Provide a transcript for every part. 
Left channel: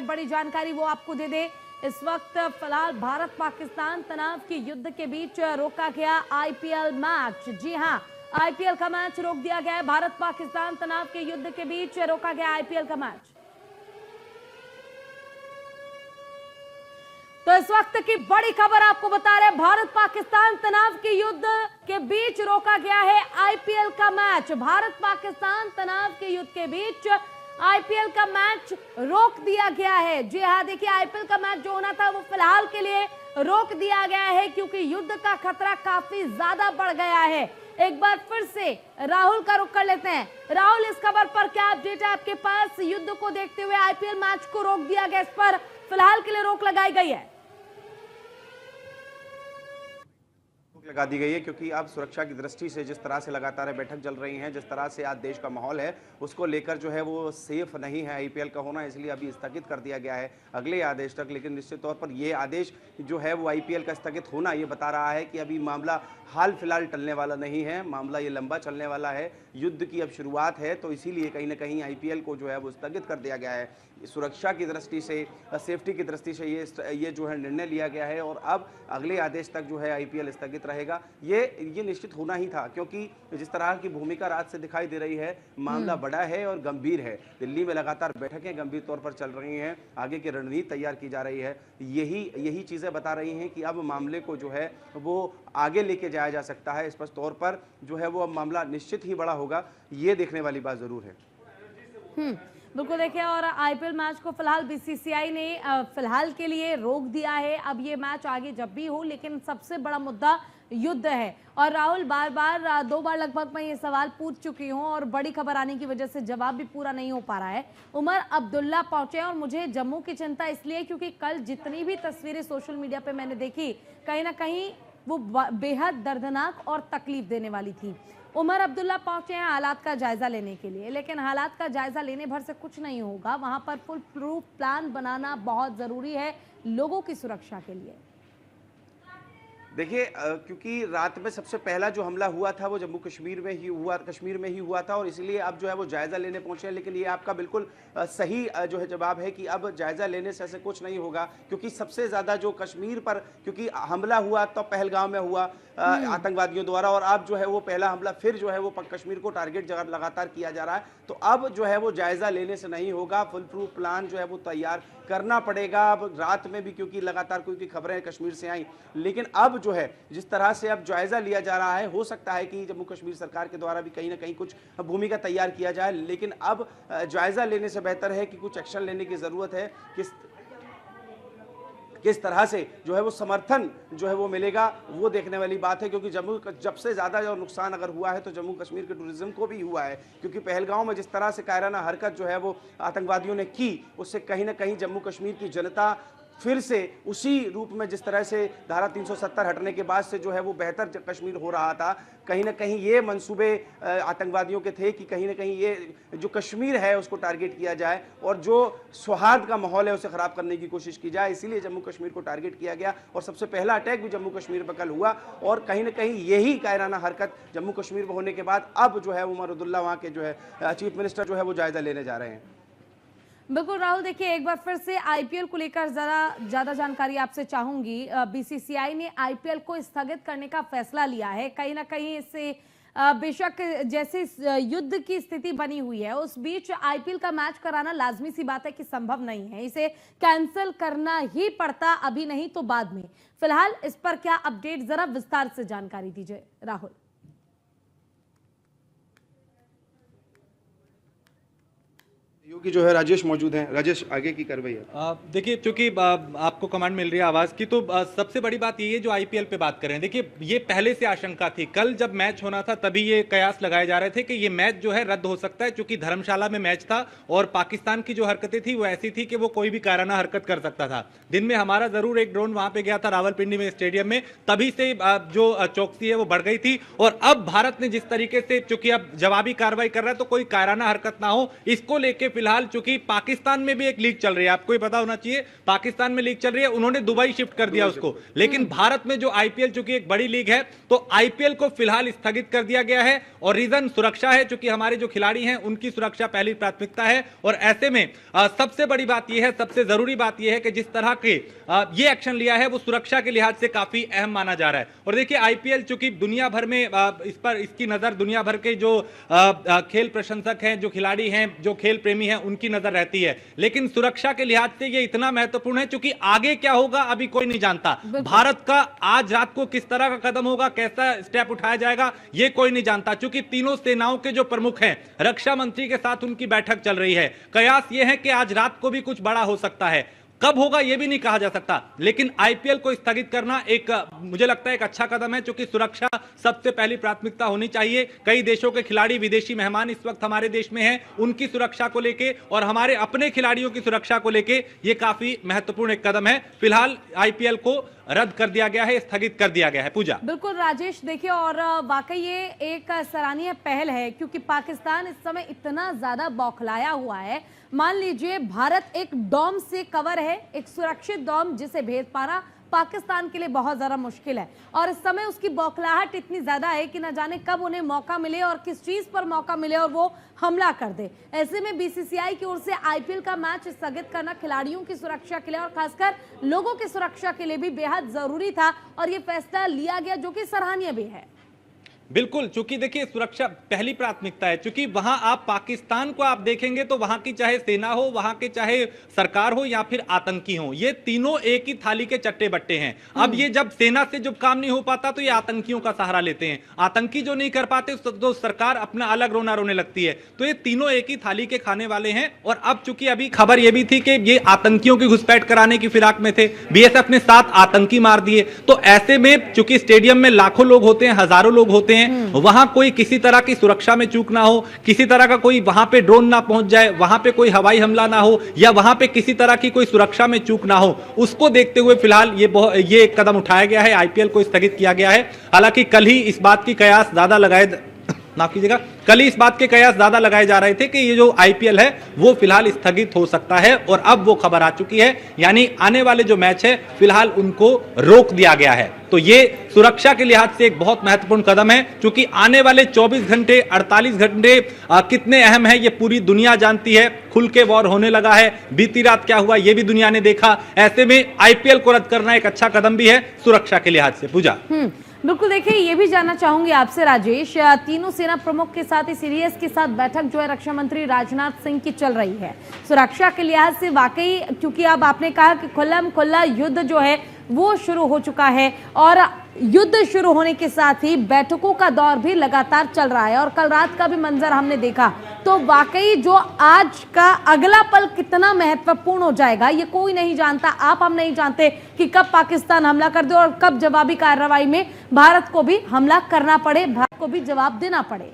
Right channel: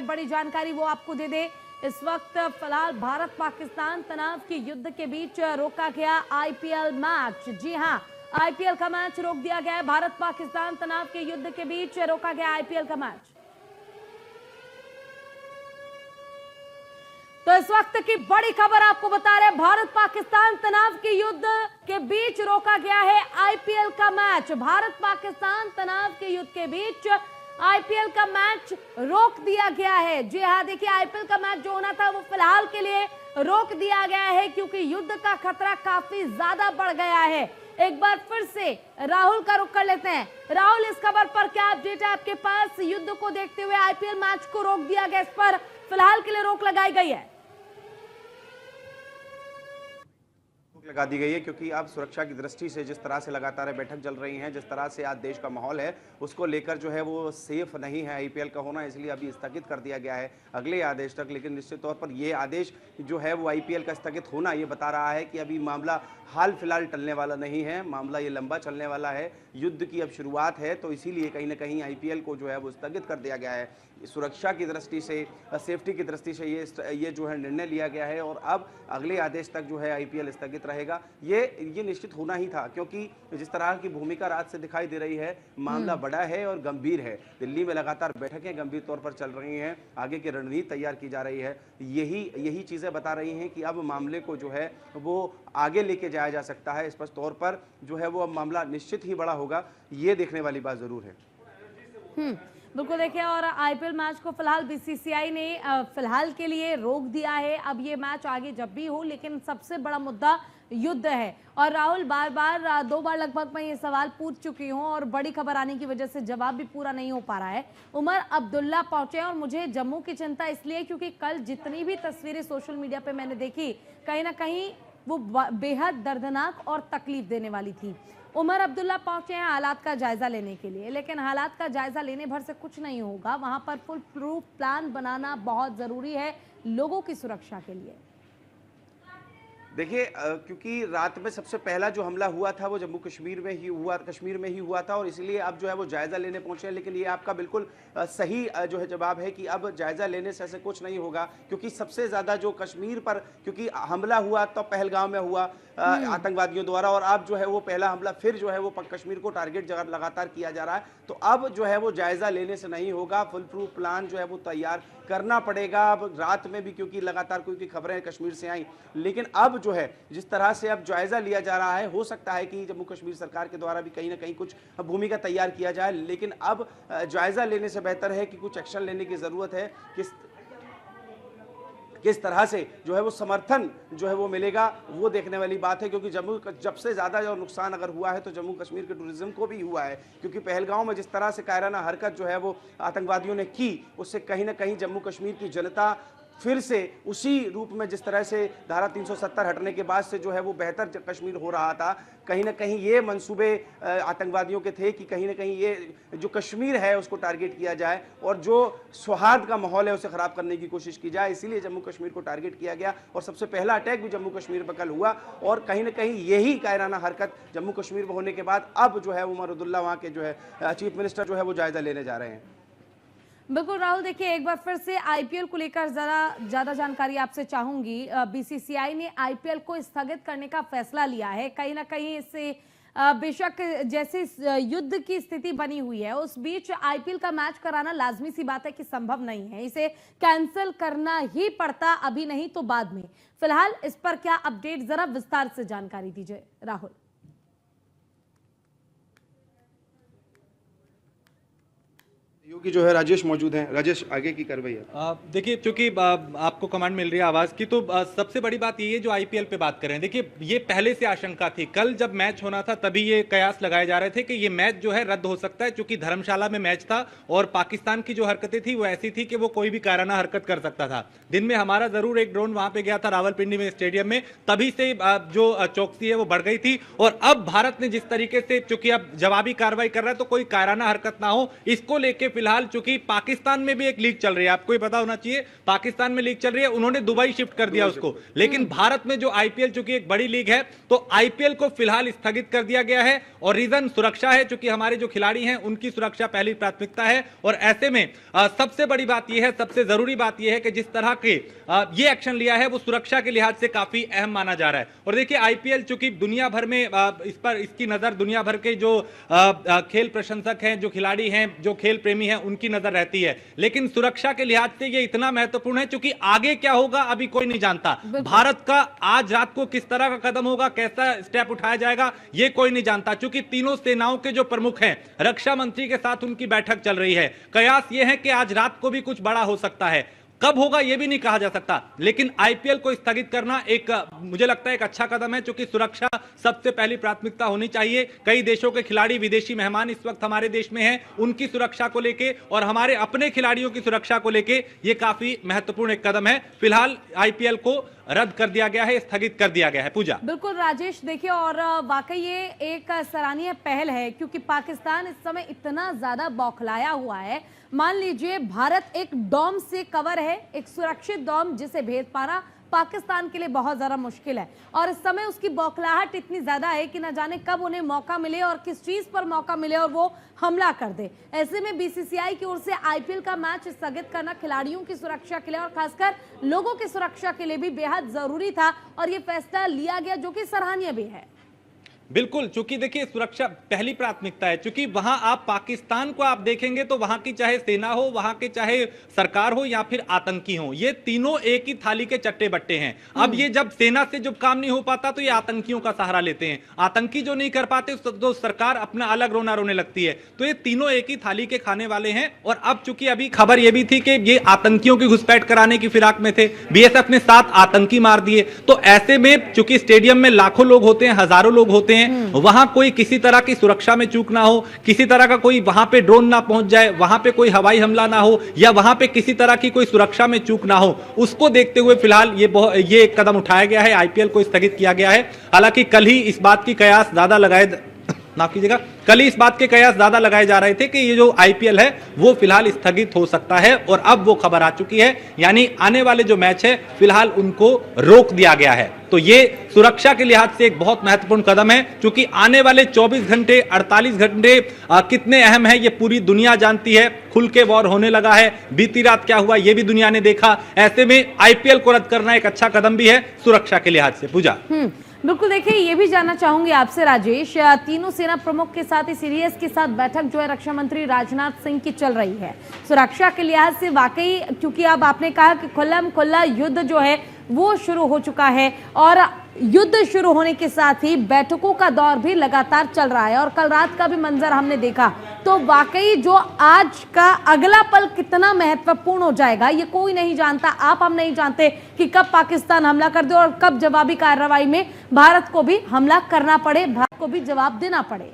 है, बड़ी जानकारी वो आपको दे दे। इस वक्त फिलहाल भारत पाकिस्तान तनाव के युद्ध के बीच रोका गया आईपीएल मैच। जी हां, आईपीएल का मैच रोक दिया गया है। भारत पाकिस्तान तनाव के युद्ध के बीच रोका गया आईपीएल का मैच। तो इस वक्त की बड़ी खबर आपको बता रहे हैं, भारत पाकिस्तान तनाव के युद्ध के बीच रोका गया है आईपीएल का मैच। भारत पाकिस्तान तनाव के युद्ध के बीच आईपीएल का मैच रोक दिया गया है। जी हाँ, देखिए आईपीएल का मैच जो होना था वो फिलहाल के लिए रोक दिया गया है क्योंकि युद्ध का खतरा काफी ज्यादा बढ़ गया है। एक बार फिर से राहुल का रुख कर लेते हैं। राहुल, इस खबर पर क्या अपडेट है आपके पास? युद्ध को देखते हुए आईपीएल मैच को रोक दिया गया, इस पर फिलहाल के लिए रोक लगाई गई है। लगा दी गई है क्योंकि अब सुरक्षा की दृष्टि से जिस तरह से लगातार बैठक चल रही है, जिस तरह से आज देश का माहौल है उसको लेकर जो है वो सेफ नहीं है आईपीएल का होना, इसलिए अभी स्थगित कर दिया गया है अगले आदेश तक। लेकिन निश्चित तौर पर ये आदेश जो है वो आईपीएल का स्थगित होना ये बता रहा है कि अभी मामला हाल फिलहाल टलने वाला नहीं है, मामला ये लंबा चलने वाला है। युद्ध की अब शुरुआत है तो इसीलिए कहीं ना कहीं आईपीएल को जो है वो स्थगित कर दिया गया है। सुरक्षा की दृष्टि से, सेफ्टी की दृष्टि से ये जो है निर्णय लिया गया है और अब अगले आदेश तक जो है आईपीएल स्थगित रहेगा। ये निश्चित होना ही था क्योंकि जिस तरह की भूमिका रात से दिखाई दे रही है, मामला बड़ा है और गंभीर है। दिल्ली में लगातार बैठकें गंभीर तौर पर चल रही हैं, आगे की रणनीति तैयार की जा रही है। यही चीजें बता रही हैं कि अब मामले को जो है वो आगे लेके जाया जा सकता है। स्पष्ट तौर पर जो है वो अब मामला निश्चित ही बड़ा होगा, ये देखने वाली बात जरूर है। बिल्कुल, देखिए और आईपीएल मैच को फिलहाल बीसीसीआई ने फिलहाल के लिए रोक दिया है। अब ये मैच आगे जब भी हो, लेकिन सबसे बड़ा मुद्दा युद्ध है। और राहुल, दो बार लगभग मैं ये सवाल पूछ चुकी हूँ और बड़ी खबर आने की वजह से जवाब भी पूरा नहीं हो पा रहा है। उमर अब्दुल्ला पहुंचे और मुझे जम्मू की चिंता इसलिए क्योंकि कल जितनी भी तस्वीरें सोशल मीडिया पे मैंने देखी, कहीं ना कहीं वो बेहद दर्दनाक और तकलीफ देने वाली थी। उमर अब्दुल्ला पहुंचे हैं हालात का जायजा लेने के लिए, लेकिन हालात का जायजा लेने भर से कुछ नहीं होगा। वहां पर फुल प्रूफ प्लान बनाना बहुत जरूरी है लोगों की सुरक्षा के लिए। देखिए, क्योंकि रात में सबसे पहला जो हमला हुआ था वो जम्मू कश्मीर में ही हुआ था और इसलिए अब जो है वो जायजा लेने पहुंचे हैं। लेकिन ये आपका बिल्कुल सही जो है जवाब है कि अब जायजा लेने से ऐसे कुछ नहीं होगा क्योंकि सबसे ज्यादा जो कश्मीर पर, क्योंकि हमला हुआ तो पहलगाम में हुआ आतंकवादियों द्वारा और अब जो है वो पहला हमला फिर जो है वो कश्मीर को टारगेट लगातार किया जा रहा है। तो अब जो है वो जायजा लेने से नहीं होगा, फुल प्रूफ प्लान जो है वो तैयार करना पड़ेगा। अब रात में भी क्योंकि लगातार कोई खबरें कश्मीर से आई, लेकिन अब जो है जिस तरह से अब जायजा लिया जा रहा है, हो सकता है कि जम्मू कश्मीर सरकार के द्वारा भी कहीं ना कहीं कुछ भूमिका तैयार किया जाए। लेकिन अब जायजा लेने से बेहतर है कि कुछ एक्शन लेने की जरूरत है। किस तरह से जो है वो समर्थन जो है वो मिलेगा वो देखने वाली बात है क्योंकि जब से ज्यादा जो नुकसान अगर हुआ है तो जम्मू कश्मीर के टूरिज्म को भी हुआ है क्योंकि पहलगांव में जिस तरह से कायराना हरकत जो है वो आतंकवादियों ने की, उससे कहीं ना कहीं जम्मू कश्मीर की जनता फिर से उसी रूप में जिस तरह से धारा 370 हटने के बाद से जो है वो बेहतर कश्मीर हो रहा था, कहीं ना कहीं ये मंसूबे आतंकवादियों के थे कि कहीं ना कहीं ये जो कश्मीर है उसको टारगेट किया जाए और जो सौहार्द का माहौल है उसे खराब करने की कोशिश की जाए। इसीलिए जम्मू कश्मीर को टारगेट किया गया और सबसे पहला अटैक भी जम्मू कश्मीर पर कल हुआ और कहीं ना कहीं यही कायराना हरकत जम्मू कश्मीर में होने के बाद अब जो है उमर अब्दुल्ला वहाँ के जो है चीफ मिनिस्टर जो है वो जायजा लेने जा रहे हैं। बिल्कुल राहुल, देखिए एक बार फिर से आईपीएल को लेकर जरा ज्यादा जानकारी आपसे चाहूंगी। बीसीसीआई ने आईपीएल को स्थगित करने का फैसला लिया है। कहीं ना कहीं इससे बेशक जैसे युद्ध की स्थिति बनी हुई है उस बीच आईपीएल का मैच कराना लाजमी सी बात है कि संभव नहीं है, इसे कैंसिल करना ही पड़ता, अभी नहीं तो बाद में। फिलहाल इस पर क्या अपडेट, जरा विस्तार से जानकारी दीजिए राहुल। योगी जो है राजेश मौजूद हैं। राजेश, आगे की कार्रवाई है। देखिए, चूंकि आपको कमांड मिल रही है आवाज की, तो सबसे बड़ी बात ये जो आईपीएल पे बात करें, देखिए ये पहले से आशंका थी। कल जब मैच होना था तभी ये कयास लगाए जा रहे थे कि ये मैच जो है रद्द हो सकता है क्योंकि धर्मशाला में मैच था और पाकिस्तान की जो हरकतें थी वो ऐसी थी कि वो कोई भी कायराना हरकत कर सकता था। दिन में हमारा जरूर एक ड्रोन वहां पे गया था रावलपिंडी में स्टेडियम में, तभी से जो चौकसी है वो बढ़ गई थी। और अब भारत ने जिस तरीके से, चूंकि अब जवाबी कार्रवाई कर रहा है तो कोई कायराना हरकत ना हो, इसको लेके फिलहाल चूंकि पाकिस्तान में भी एक लीग चल रही है, आपको ही पता होना चाहिए, पाकिस्तान में लीग चल रही है, उन्होंने दुबई शिफ्ट कर दिया उसको। लेकिन भारत में जो आईपीएल चूंकि एक बड़ी लीग है, तो आईपीएल को फिलहाल स्थगित कर दिया गया है और रीजन सुरक्षा है, चूंकि हमारे जो खिलाड़ी हैं उनकी सुरक्षा पहली प्राथमिकता है। और ऐसे में सबसे बड़ी बात यह है, सबसे जरूरी बात यह है कि जिस तरह के ये एक्शन लिया है वो सुरक्षा के लिहाज से काफी अहम माना जा रहा है। और देखिए आईपीएल चूंकि दुनिया भर में इस पर इसकी नजर दुनिया भर के जो खेल प्रशंसक हैं, जो खिलाड़ी हैं, जो खेल प्रेमी हैं, उनकी नजर रहती है। लेकिन सुरक्षा के लिहाज से ये इतना महत्वपूर्ण है क्योंकि आगे क्या होगा अभी कोई नहीं जानता। भारत का आज रात को किस तरह का कदम होगा, कैसा स्टेप उठाया जाएगा, ये कोई नहीं जानता। क्योंकि तीनों सेनाओं के जो प्रमुख हैं, रक्षा मंत्री के साथ उनकी बैठक चल रही है। कयास ये है कि आज रात को भी कुछ बड़ा हो सकता है, कब होगा यह भी नहीं कहा जा सकता। लेकिन आईपीएल को स्थगित करना एक मुझे लगता है एक अच्छा कदम है, क्योंकि सुरक्षा सबसे पहली प्राथमिकता होनी चाहिए। कई देशों के खिलाड़ी, विदेशी मेहमान इस वक्त हमारे देश में हैं, उनकी सुरक्षा को लेके और हमारे अपने खिलाड़ियों की सुरक्षा को लेके ये काफी महत्वपूर्ण एक कदम है। फिलहाल आईपीएल को रद्द कर दिया गया है, स्थगित कर दिया गया है। पूजा, बिल्कुल राजेश, देखिए और वाकई ये एक सराहनीय पहल है क्योंकि पाकिस्तान इस समय इतना ज्यादा बौखलाया हुआ है। मान लीजिए भारत एक डोम से कवर है, एक सुरक्षित डोम जिसे भेद पाना पाकिस्तान के लिए बहुत ज्यादा मुश्किल है और इस समय उसकी बौखलाहट इतनी ज्यादा है कि न जाने कब उन्हें मौका मिले और किस चीज पर मौका मिले और वो हमला कर दे। ऐसे में बीसीसीआई की ओर से आईपीएल का मैच स्थगित करना खिलाड़ियों की सुरक्षा के लिए और खासकर लोगों की सुरक्षा के लिए भी बेहद जरूरी था और ये फैसला लिया गया जो कि सराहनीय भी है। बिल्कुल, चूंकि देखिए सुरक्षा पहली प्राथमिकता है। चूंकि वहां आप पाकिस्तान को आप देखेंगे तो वहां की चाहे सेना हो, वहां के चाहे सरकार हो या फिर आतंकी हो, ये तीनों एक ही थाली के चट्टे बट्टे हैं। अब ये जब सेना से जब काम नहीं हो पाता तो ये आतंकियों का सहारा लेते हैं, आतंकी जो नहीं कर पाते तो सरकार अपना अलग रोना रोने लगती है। तो ये तीनों एक ही थाली के खाने वाले हैं। और अब चूंकि अभी खबर यह भी थी कि ये आतंकियों की घुसपैठ कराने की फिराक में थे, बीएसएफ ने 7 आतंकी मार दिए। तो ऐसे में चूंकि स्टेडियम में लाखों लोग होते हैं, हजारों लोग होते हैं, वहां कोई किसी तरह की सुरक्षा में चूक ना हो, किसी तरह का कोई वहां पे ड्रोन ना पहुंच जाए, वहां पे कोई हवाई हमला ना हो या वहां पे किसी तरह की कोई सुरक्षा में चूक ना हो, उसको देखते हुए फिलहाल ये एक कदम उठाया गया है, आईपीएल को स्थगित किया गया है। हालांकि कल ही इस बात की कयास ज्यादा माफ कीजिएगा, कल ही इस बात के कयास ज्यादा लगाए जा रहे थे कि ये जो आईपीएल है वो फिलहाल स्थगित हो सकता है और अब वो खबर आ चुकी है, यानी आने वाले जो मैच है फिलहाल उनको रोक दिया गया है। तो ये सुरक्षा के लिहाज से एक बहुत महत्वपूर्ण कदम है, क्योंकि आने वाले 24 घंटे 48 घंटे कितने अहम है ये पूरी दुनिया जानती है। खुल के वॉर होने लगा है, बीती रात क्या हुआ ये भी दुनिया ने देखा। ऐसे में आईपीएल को रद्द करना एक अच्छा कदम भी है सुरक्षा के लिहाज से। पूजा, बिल्कुल, देखिए ये भी जानना चाहूंगी आपसे राजेश, तीनों सेना प्रमुख के साथ ही सीडीएस के साथ बैठक जो है रक्षा मंत्री राजनाथ सिंह की चल रही है। सुरक्षा के लिहाज से वाकई, क्योंकि अब आपने कहा कि खुल्ला युद्ध जो है वो शुरू हो चुका है और युद्ध शुरू होने के साथ ही बैठकों का दौर भी लगातार चल रहा है और कल रात का भी मंजर हमने देखा। तो वाकई जो आज का अगला पल कितना महत्वपूर्ण हो जाएगा ये कोई नहीं जानता, हम नहीं जानते कि कब पाकिस्तान हमला कर दे और कब जवाबी कार्रवाई में भारत को भी हमला करना पड़े, भारत को भी जवाब देना पड़े।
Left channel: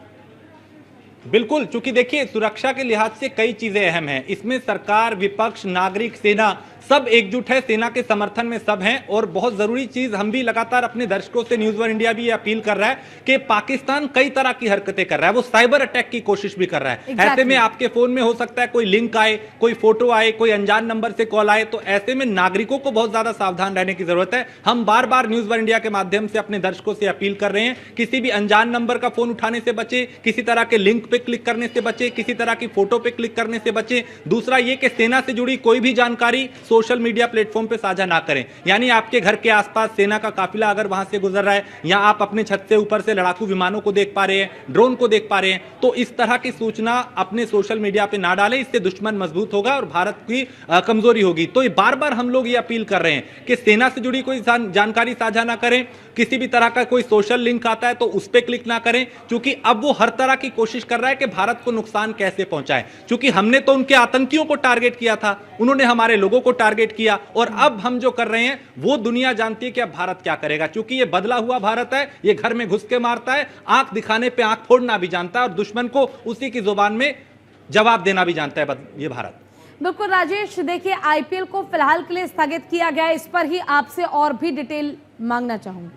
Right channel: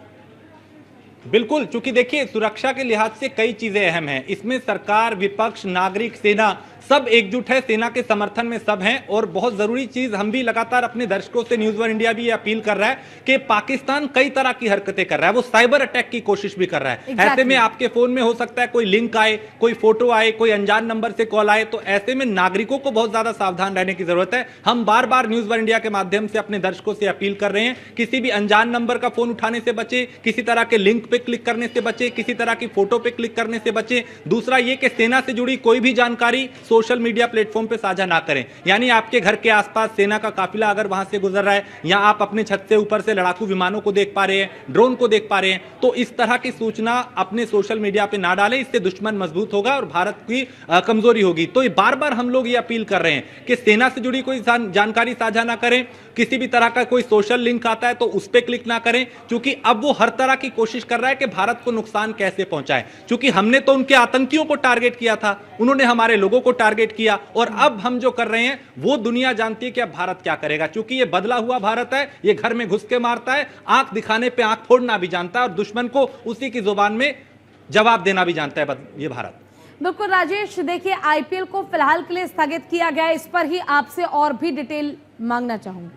बिल्कुल, चूंकि देखिए सुरक्षा के लिहाज से कई चीजें अहम हैं, इसमें सरकार, विपक्ष, नागरिक, सेना सब एकजुट है, सेना के समर्थन में सब हैं। और बहुत जरूरी चीज हम भी लगातार अपने दर्शकों से न्यूज वन इंडिया भी अपील कर रहा है कि पाकिस्तान कई तरह की हरकतें कर रहा है, वो साइबर अटैक की कोशिश भी कर रहा है। ऐसे में आपके फोन में हो सकता है कोई लिंक आए, कोई फोटो आए, कोई अनजान नंबर से कॉल आए, तो ऐसे में नागरिकों को बहुत ज्यादा सावधान रहने की जरूरत है। हम बार बार न्यूज वन इंडिया के माध्यम से अपने दर्शकों से अपील कर रहे हैं, किसी भी अनजान नंबर का फोन उठाने से बचे, किसी तरह के लिंक पे क्लिक करने से बचे, किसी तरह की फोटो पे क्लिक करने से बचे। दूसरा ये कि सेना से जुड़ी कोई भी जानकारी सोशल मीडिया प्लेटफॉर्म पे साझा ना करें, यानी आपके घर के आसपास सेना का काफिला अगर वहां से गुजर रहा है या आप अपने छत से ऊपर से लड़ाकू विमानों को देख पा रहे हैं, ड्रोन को देख पा रहे हैं, तो इस तरह की सूचना अपने सोशल मीडिया पे ना डालें, इससे दुश्मन मजबूत होगा और भारत की कमजोरी होगी। तो बार बार हम लोग ये अपील कर रहे हैं कि सेना से जुड़ी कोई जानकारी साझा ना करें, किसी भी तरह का कोई सोशल लिंक आता है तो उस पर क्लिक ना करें, क्योंकि अब वो हर तरह की कोशिश कर रहा है कि भारत को नुकसान कैसे पहुंचाए। क्योंकि हमने तो उनके आतंकियों को टारगेट किया था, उन्होंने हमारे लोगों को टारगेट किया, और अब हम जो कर रहे हैं वो दुनिया जानती है कि अब भारत क्या करेगा। क्योंकि ये बदला हुआ भारत है, ये घर में घुस के मारता है, आंख दिखाने पे आंख फोड़ना भी जानता है और दुश्मन को उसी की जुबान में जवाब देना भी जानता है ये भारत। बिल्कुल राजेश, देखिए आईपीएल को फिलहाल के लिए स्थगित किया गया, इस पर ही आपसे और भी डिटेल मांगना चाहूंगी।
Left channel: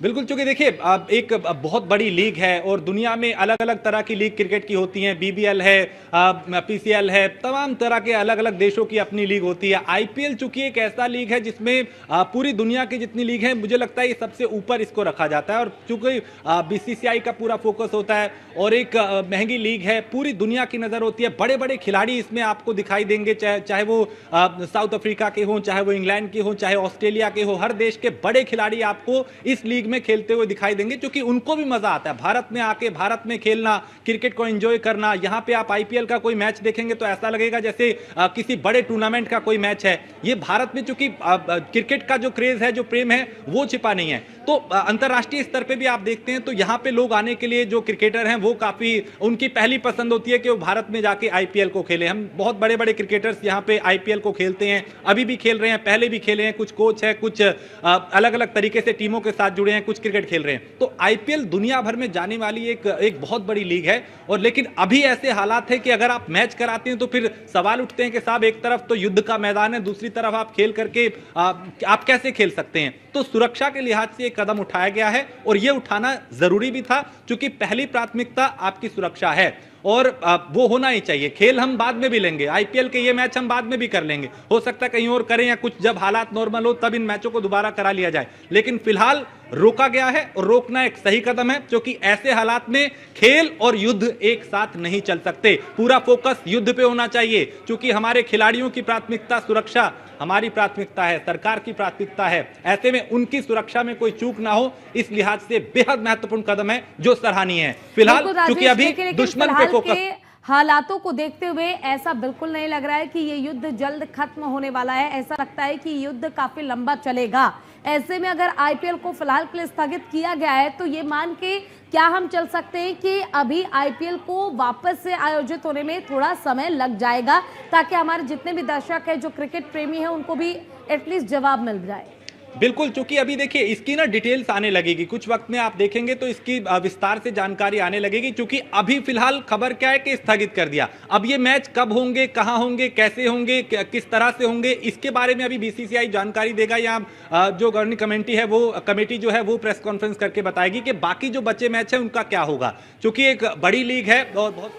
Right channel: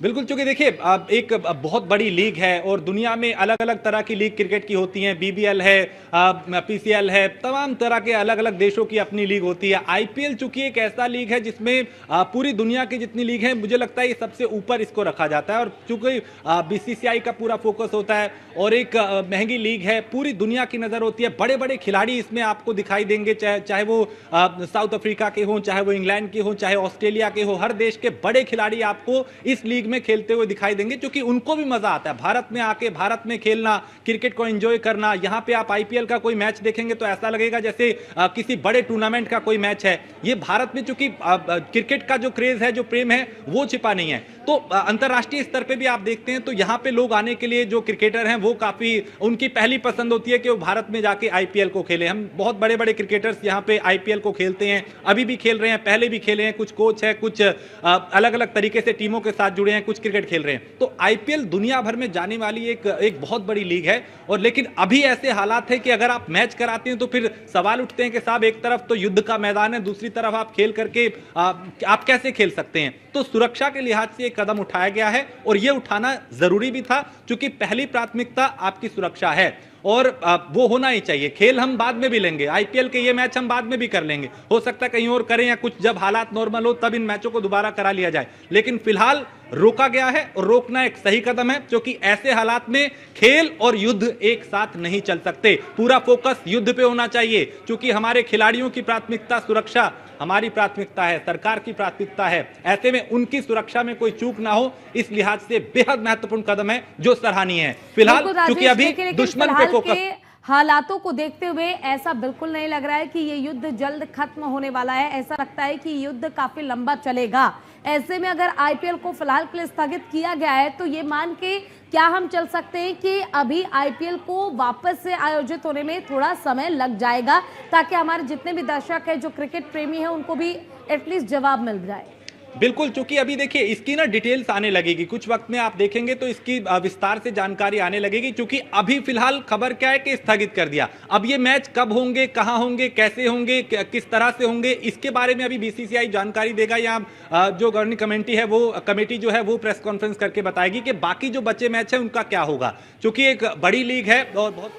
बिल्कुल, चूंकि देखिए अब एक बहुत बड़ी लीग है और दुनिया में अलग अलग तरह की लीग क्रिकेट की होती हैं। बीबीएल है, पीसीएल है, तमाम तरह के अलग अलग देशों की अपनी लीग होती है। आईपीएल चूंकि एक ऐसा लीग है जिसमें पूरी दुनिया की जितनी लीग है, मुझे लगता है ये सबसे ऊपर इसको रखा जाता है। और चूंकि बीसीसीआई का पूरा फोकस होता है और एक महंगी लीग है, पूरी दुनिया की नजर होती है। बड़े बड़े खिलाड़ी इसमें आपको दिखाई देंगे, चाहे वो साउथ अफ्रीका के हों, चाहे वो इंग्लैंड के हों, चाहे ऑस्ट्रेलिया के हो। हर देश के बड़े खिलाड़ी आपको इस लीग में खेलते हुए दिखाई देंगे, क्योंकि उनको भी मजा आता है भारत में आके, भारत में खेलना, क्रिकेट को एंजॉय करना। यहां पे आप आईपीएल का कोई मैच देखेंगे तो ऐसा लगेगा जैसे किसी बड़े टूर्नामेंट का कोई मैच है। ये भारत में चूंकि क्रिकेट का जो क्रेज है, जो प्रेम है, वो छिपा नहीं है। तो अंतरराष्ट्रीय स्तर पे भी आप देखते हैं तो यहाँ पे लोग आने के लिए, जो क्रिकेटर हैं वो काफी, उनकी पहली पसंद होती है कि वो भारत में जाके आईपीएल को खेले। हम बहुत बड़े बड़े क्रिकेटर्स यहाँ पे आईपीएल को खेलते हैं, अभी भी खेल रहे हैं, पहले भी खेले हैं। कुछ कोच है, कुछ अलग अलग तरीके से टीमों के साथ जुड़े हैं, कुछ क्रिकेट खेल रहे हैं। तो आईपीएल दुनिया भर में जाने वाली एक बहुत बड़ी लीग है। और लेकिन अभी ऐसे हालात है कि अगर आप मैच कराते हैं तो फिर सवाल उठते हैं कि साहब एक तरफ तो युद्ध का मैदान है, दूसरी तरफ आप खेल करके आप कैसे खेल सकते हैं। तो सुरक्षा के लिहाज से एक कदम उठाया गया है और यह उठाना जरूरी भी था, क्योंकि पहली प्राथमिकता आपकी सुरक्षा है और वो होना ही चाहिए। खेल हम बाद में भी लेंगे, आईपीएल के ये मैच हम बाद में भी कर लेंगे, हो सकता है कहीं और करें, या कुछ जब हालात नॉर्मल हो तब इन मैचों को दोबारा करा लिया जाए। लेकिन फिलहाल रोका गया है और रोकना एक सही कदम है, क्योंकि ऐसे हालात में खेल और युद्ध एक साथ नहीं चल सकते। पूरा फोकस युद्ध पे होना चाहिए, क्योंकि हमारे खिलाड़ियों की प्राथमिकता सुरक्षा हमारी प्राथमिकता है, सरकार की प्राथमिकता है। ऐसे में उनकी सुरक्षा में कोई चूक ना हो, इस लिहाज से बेहद महत्वपूर्ण कदम है जो सराहनीय है। फिलहाल क्योंकि अभी दुश्मन पे फोकस, हालातों को देखते हुए ऐसा बिल्कुल नहीं लग रहा है कि ये युद्ध जल्द खत्म होने वाला है। ऐसा लगता है कि युद्ध काफी लंबा चलेगा। ऐसे में अगर आईपीएल को फिलहाल के लिए स्थगित किया गया है तो ये मान के क्या हम चल सकते हैं कि अभी आईपीएल को वापस से आयोजित होने में थोड़ा समय लग जाएगा, ताकि हमारे जितने भी दर्शक हैं, जो क्रिकेट प्रेमी हैं, उनको भी एटलीस्ट जवाब मिल जाए। बिल्कुल, क्योंकि अभी देखिए इसकी ना डिटेल्स आने लगेगी, कुछ वक्त में आप देखेंगे तो इसकी विस्तार से जानकारी आने लगेगी। क्योंकि अभी फिलहाल खबर क्या है कि स्थगित कर दिया। अब ये मैच कब होंगे, कहां होंगे, कैसे होंगे, किस तरह से होंगे, इसके बारे में अभी बीसीसीआई जानकारी देगा, या जो गवर्निंग कमेटी जो है वो प्रेस कॉन्फ्रेंस करके बताएगी कि बाकी जो बचे मैच है उनका क्या होगा। क्योंकि एक बड़ी लीग है और बहुत